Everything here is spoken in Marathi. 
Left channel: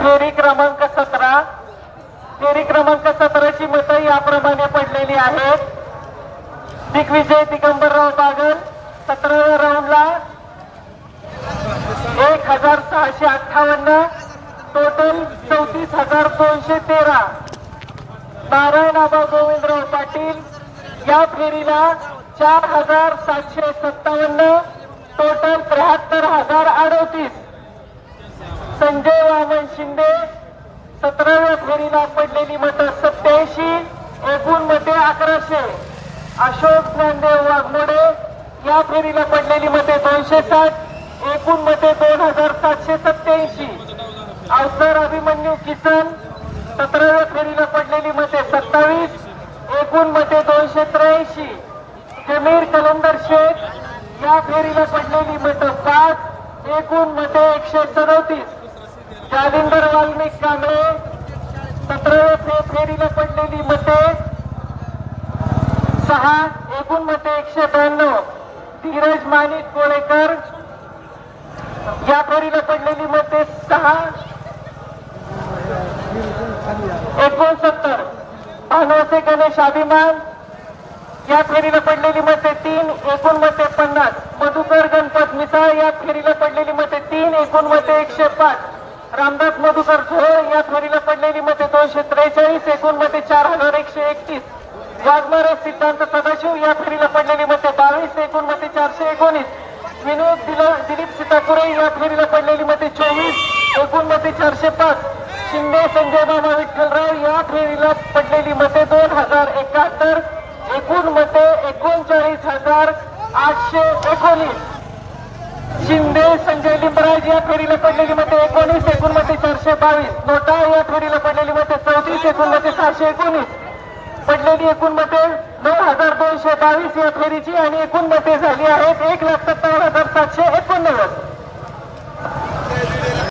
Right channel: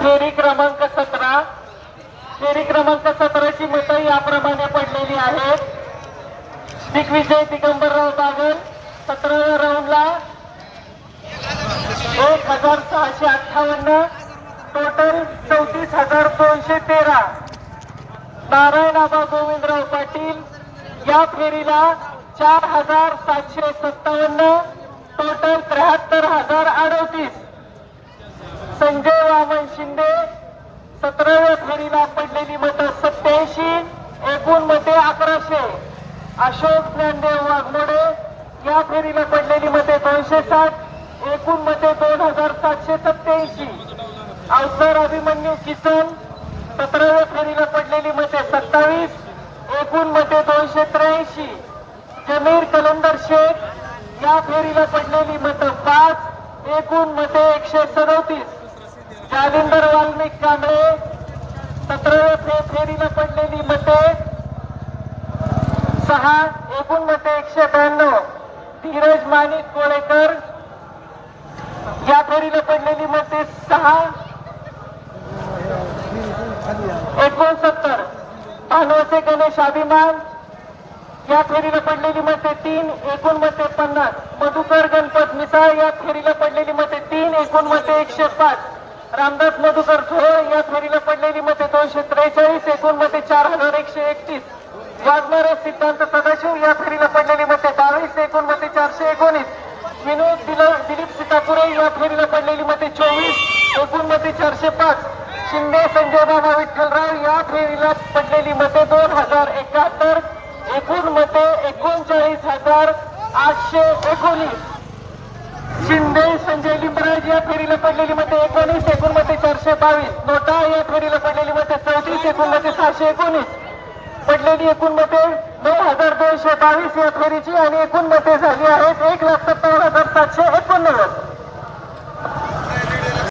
फेरी क्रमांक सतरा. फेरी क्रमांक सतराची मतं याप्रमाणे पडलेली आहेत. दिग्विजय दिगंबरराव बागल सतराव्या राऊंडला एक हजार सहाशे अठ्ठावन्न टोटल चौतीस हजार दोनशे तेरा. नारायणआबा गोविंदराव पाटील या फेरीला चार हजार सातशे सत्तावन्न टोटल त्र्याहत्तर हजार अडतीस. संजय वामन शिंदे सतराव्या फेरीला पडलेली मतं सत्याऐंशी एकूण मते अकराशे. अशोक ज्ञानदेव वाघमोडे या फेरीला पडलेली मते दोनशे साठ एकूण मते दोन हजार सातशे सत्याऐंशी. अवसर अभिमन्यू किसन सतराव्या फेरीला पडलेली मते सत्तावीस एकूण मते दोनशे त्र्याऐंशी. जमीर कलंदर शेख या फेरीला पडलेली मतं पाच एकूण मते एकशे सदतीस. जालिंदर वाल्मिक कांबळे सतराव्या फेरीनं पडलेली मतं. सहा एकूण मतं एकशे ब्याण्णव. धीरज माणिक कोळेकर. या फेरीनं पडलेली मते सहा. एकोणसत्तर. पानवसे गणेश अभिमान. या फेरीला पडलेली मते तीन एकूण मते पन्नास. मधुकर गणपत मिसाळ या फेरीला पडलेली मते तीन एकूण मते एकशे पाच. रामदास मधुकर झोळे या फेरीला पडलेली मते दोनशे त्रेचाळीस एकूण मते चार हजार एकशे एकतीस. वाजणारे सिद्धांत सदाशिव या फेरीला पडलेली मते बावीस एकूण मते चारशे एकोणीस. विनोद दिलीप सीतापुरे या फेरीला पडलेली मते चोवीस एकूण मते चारशे पाच. शिंदे संजय बाबा विठ्ठलराव या फेरीला पडलेली मते दोन हजार एकाहत्तर. एकूण मते एकोणचाळीस हजार आठशे एकोणीस. शिंदे संजय लिंबराज या फेरीला पडलेली मते एकोणीस एकूण मते चारशे बावीस. नोटा या फेरीला पडलेली मते चौतीस एकूण मते सहाशे एकोणीस. पडलेली एकूण मते दोन हजार दोनशे बावीस या फेरीची आणि एकूण मते झाली आहेत एक लाख सत्तावन्न हजार सातशे एकोणनव्वद.